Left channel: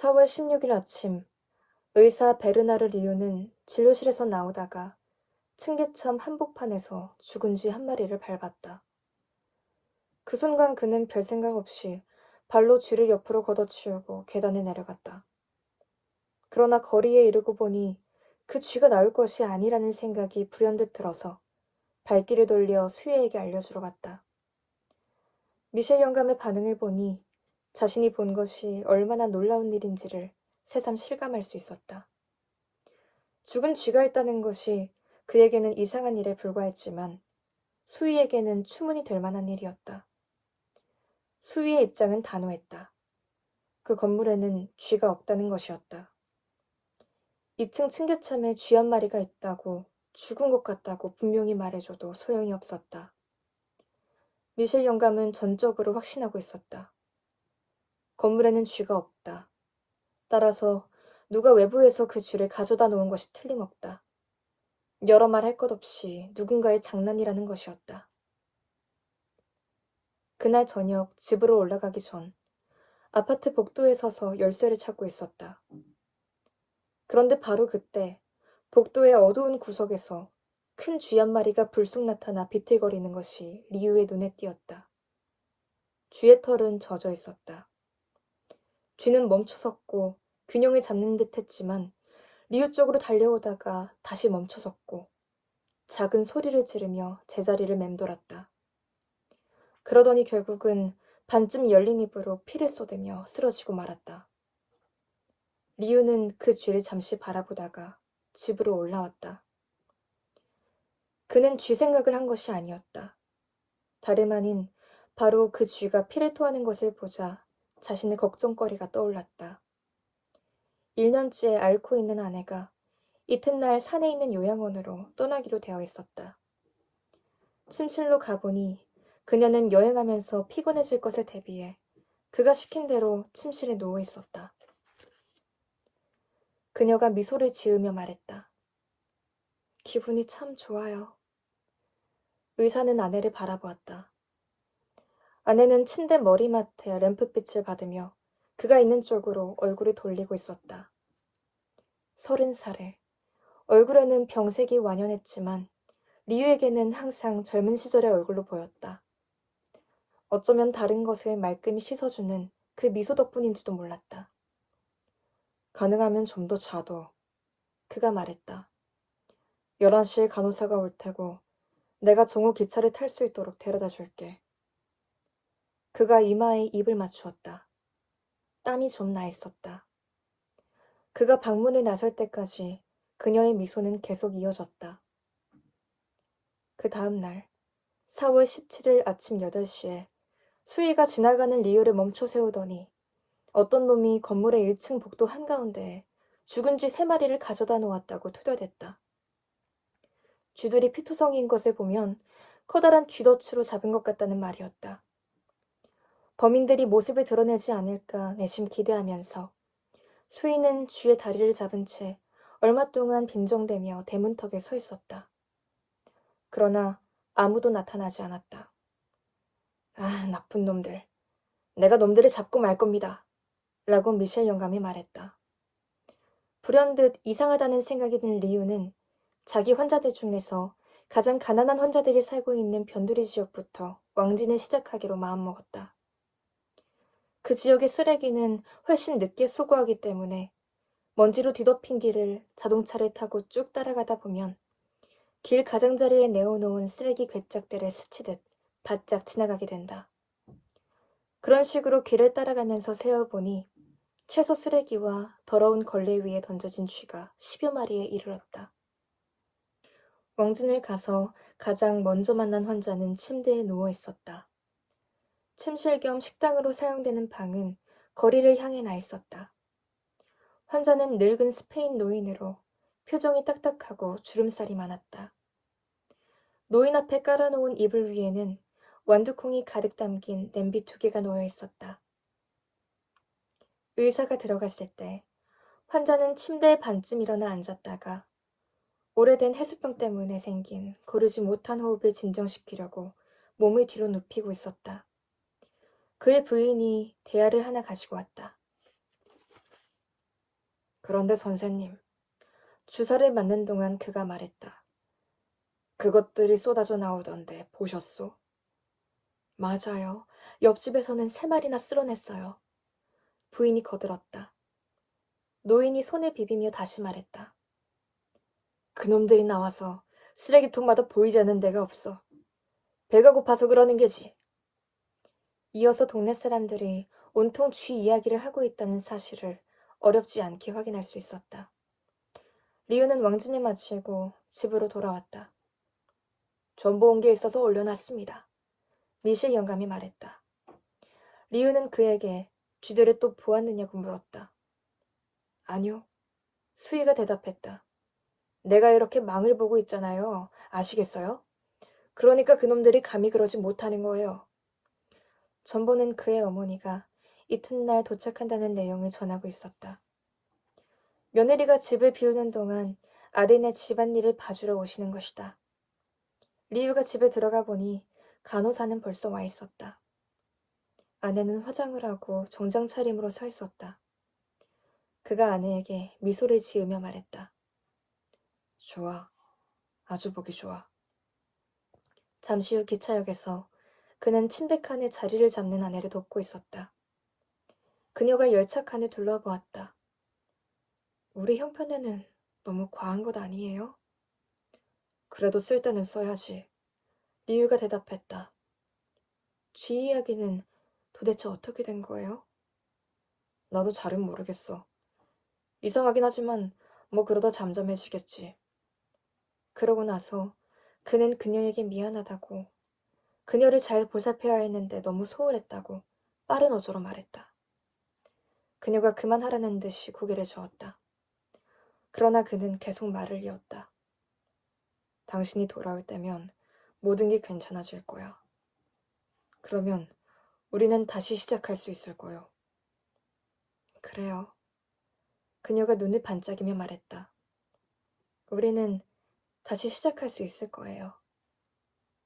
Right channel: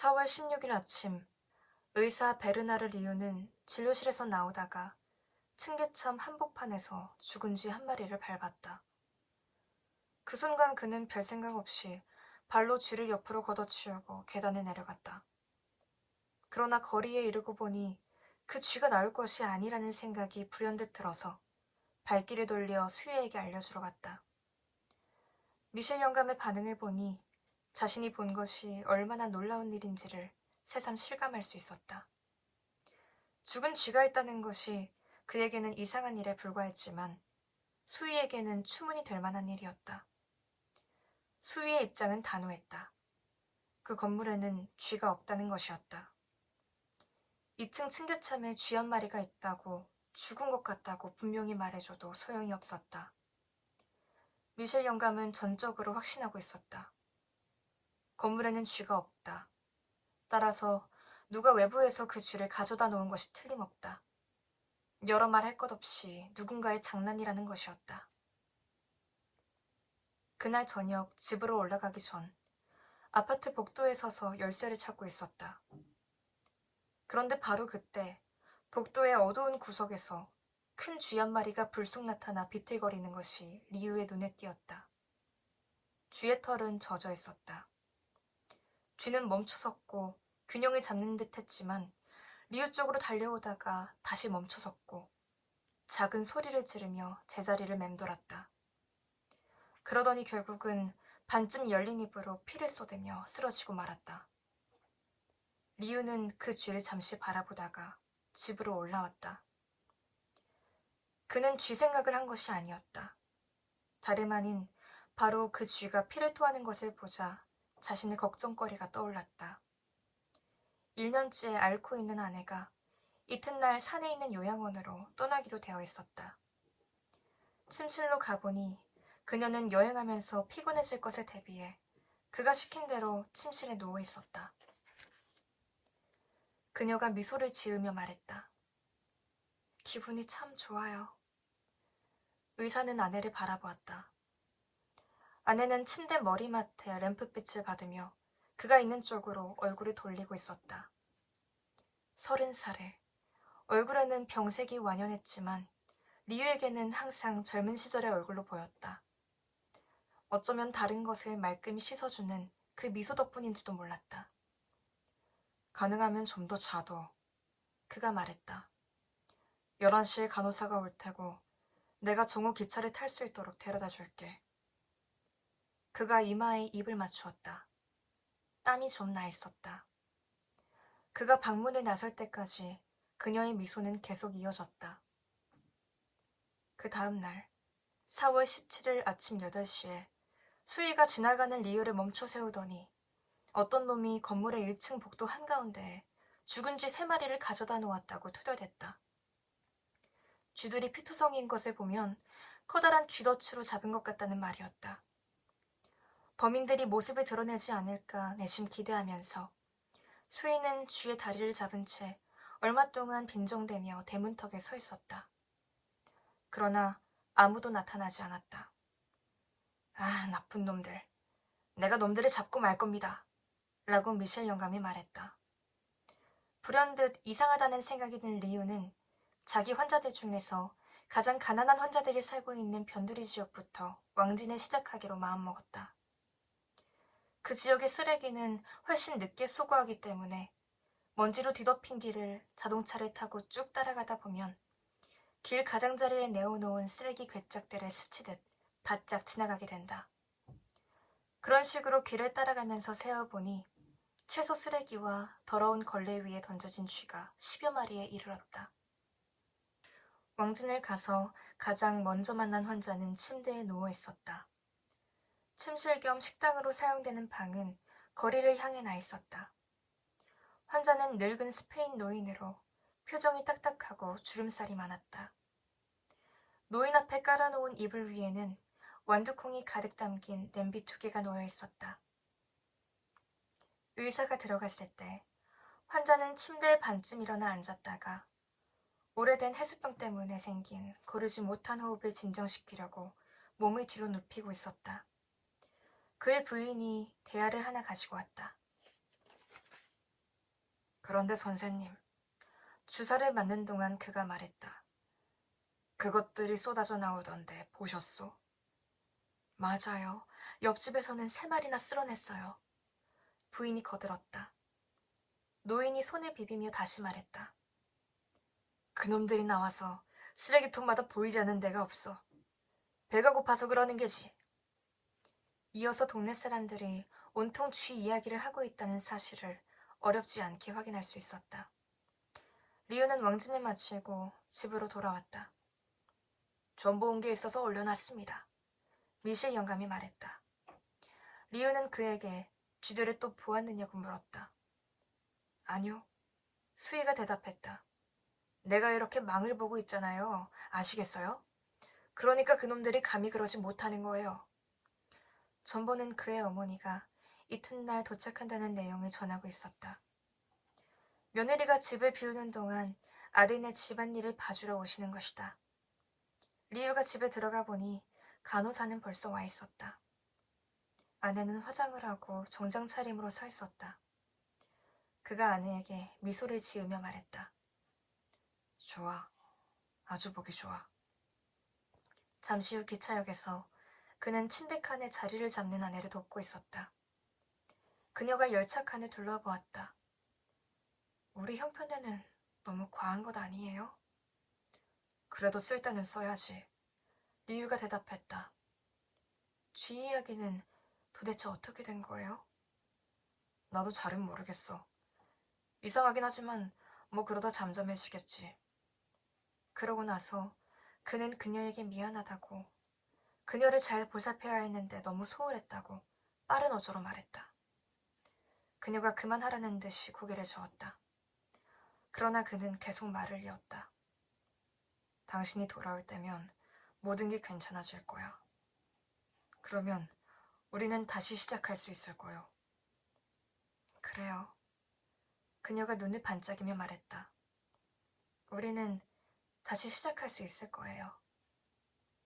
4월 16일 아침, 의사 베르나르 리우는 진료실에서 나오다가 층계참 한복판에서 죽은 쥐 한 마리를 밟았다. 그 순간 그는 별 생각 없이 발로 쥐를 옆으로 걷어치우고 계단에 내려갔다. 그러나 거리에 이르고 보니 그 쥐가 나올 것이 아니라는 생각이 불현듯 들어서 발길을 돌려 수혜에게 알려주러 갔다. 미셸 영감의 반응을 보니 자신이 본 것이 얼마나 놀라운 일인지를 새삼 실감할 수 있었다. 죽은 쥐가 있다는 것이 그에게는 이상한 일에 불과했지만 수희에게는 추문이 될 만한 일이었다. 수희의 입장은 단호했다. 그 건물에는 쥐가 없다는 것이었다. 2층 층계참에 쥐 한 마리가 있다고 죽은 것 같다고 분명히 말해줘도 소용이 없었다. 미셸 영감은 전적으로 확신하고 있었다. 건물에는 쥐가 없다. 따라서 누가 외부에서 그 쥐를 가져다 놓은 것이 틀림없다. 여러 말 할 것 없이 누군가의 장난이라는 것이었다. 그날 저녁 집으로 올라가기 전 아파트 복도에 서서 열쇠를 찾고 있었다. 그런데 바로 그때 복도의 어두운 구석에서 큰 쥐 한 마리가 불쑥 나타나 비틀거리는 것이 리우의 눈에 띄었다. 쥐의 털은 젖어 있었다. 쥐는 멈춰섰고 균형을 잡는 듯 했지만 리우 쪽으로 달려오다가 다시 멈춰섰고 작은 소리를 지르며 제자리를 맴돌았다. 그러더니 결국은 반쯤 열린 입으로 피를 쏟으며 쓰러지고 말았다. 리우는 그 쥐를 잠시 바라보다가 집으로 올라왔다. 그는 쥐 생각을 한 것이 아니었다. 다름 아닌 바로 그 쥐가 피를 토하는 것을 보자 자신의 걱정거리가 떠올랐다. 1년째 앓고 있는 아내가 이튿날 산에 있는 요양원으로 떠나기로 되어 있었다. 침실로 가보니 그녀는 여행하면서 피곤해질 것에 대비해 그가 시킨 대로 침실에 누워 있었다. 그녀가 미소를 지으며 말했다. 기분이 참 좋아요. 의사는 아내를 바라보았다. 아내는 침대 머리맡에 램프빛을 받으며 그가 있는 쪽으로 얼굴을 돌리고 있었다. 30살에 얼굴에는 병색이 완연했지만 리유에게는 항상 젊은 시절의 얼굴로 보였다. 어쩌면 다른 것을 말끔히 씻어주는 그 미소 덕분인지도 몰랐다. 가능하면 좀 더 자도. 그가 말했다. 11시에 간호사가 올 테고 내가 정오 기차를 탈 수 있도록 데려다 줄게. 그가 이마에 입을 맞추었다. 땀이 좀 나 있었다. 그가 방문에 나설 때까지 그녀의 미소는 계속 이어졌다. 그 다음 날 4월 17일 아침 8시에 수희가 지나가는 리유를 멈춰 세우더니 어떤 놈이 건물의 1층 복도 한가운데에 죽은 쥐 3마리를 가져다 놓았다고 투덜댔다. 쥐들이 피투성이인 것을 보면 커다란 쥐덫으로 잡은 것 같다는 말이었다. 범인들이 모습을 드러내지 않을까 내심 기대하면서 수희는 쥐의 다리를 잡은 채 얼마 동안 빈정대며 대문턱에 서 있었다. 그러나 아무도 나타나지 않았다. 아, 나쁜 놈들. 내가 놈들을 잡고 말 겁니다. 라고 미셸 영감이 말했다. 불현듯 이상하다는 생각이 든 리우는 자기 환자들 중에서 가장 가난한 환자들이 살고 있는 변두리 지역부터 왕진을 시작하기로 마음먹었다. 그 지역의 쓰레기는 훨씬 늦게 수거하기 때문에 먼지로 뒤덮인 길을 자동차를 타고 쭉 따라가다 보면 길 가장자리에 내어놓은 쓰레기 괴짝들을 스치듯 바짝 지나가게 된다. 그런 식으로 길을 따라가면서 세어보니 채소 쓰레기와 더러운 걸레 위에 던져진 쥐가 10여 마리에 이르렀다. 왕진을 가서 가장 먼저 만난 환자는 침대에 누워 있었다. 침실 겸 식당으로 사용되는 방은 거리를 향해 나 있었다. 환자는 늙은 스페인 노인으로 표정이 딱딱하고 주름살이 많았다. 노인 앞에 깔아놓은 이불 위에는 완두콩이 가득 담긴 냄비 2개가 놓여 있었다. 의사가 들어갔을 때 환자는 침대에 반쯤 일어나 앉았다가 오래된 해수병 때문에 생긴 고르지 못한 호흡을 진정시키려고 몸을 뒤로 눕히고 있었다. 그의 부인이 대야를 하나 가지고 왔다. 그런데 선생님, 주사를 맞는 동안 그가 말했다. 그것들이 쏟아져 나오던데 보셨소? 맞아요. 옆집에서는 3마리나 쓸어냈어요. 부인이 거들었다. 노인이 손을 비비며 다시 말했다. 그놈들이 나와서 쓰레기통마다 보이지 않는 데가 없어. 배가 고파서 그러는 게지. 이어서 동네 사람들이 온통 쥐 이야기를 하고 있다는 사실을 어렵지 않게 확인할 수 있었다. 리우는 왕진을 마치고 집으로 돌아왔다. 전보 온 게 있어서 올려놨습니다. 미실 영감이 말했다. 리우는 그에게 쥐들을 또 보았느냐고 물었다. 아니요. 수희가 대답했다. 내가 이렇게 망을 보고 있잖아요. 아시겠어요? 그러니까 그놈들이 감히 그러지 못하는 거예요. 전보는 그의 어머니가 이튿날 도착한다는 내용을 전하고 있었다. 며느리가 집을 비우는 동안 아들네 집안일을 봐주러 오시는 것이다. 리우가 집에 들어가 보니 간호사는 벌써 와 있었다. 아내는 화장을 하고 정장 차림으로 서 있었다. 그가 아내에게 미소를 지으며 말했다. 좋아. 아주 보기 좋아. 잠시 후 기차역에서 그는 침대칸에 자리를 잡는 아내를 돕고 있었다. 그녀가 열차칸을 둘러보았다. 우리 형편에는 너무 과한 것 아니에요? 그래도 쓸 때는 써야지. 리유가 대답했다. 쥐 이야기는 도대체 어떻게 된 거예요? 나도 잘은 모르겠어. 이상하긴 하지만 뭐 그러다 잠잠해지겠지. 그러고 나서 그는 그녀에게 미안하다고, 그녀를 잘 보살펴야 했는데 너무 소홀했다고 빠른 어조로 말했다. 그녀가 그만하라는 듯이 고개를 저었다. 그러나 그는 계속 말을 이었다. 당신이 돌아올 때면 모든 게 괜찮아질 거야. 그러면 우리는 다시 시작할 수 있을 거요. 그래요. 그녀가 눈을 반짝이며 말했다. 우리는 다시 시작할 수 있을 거예요.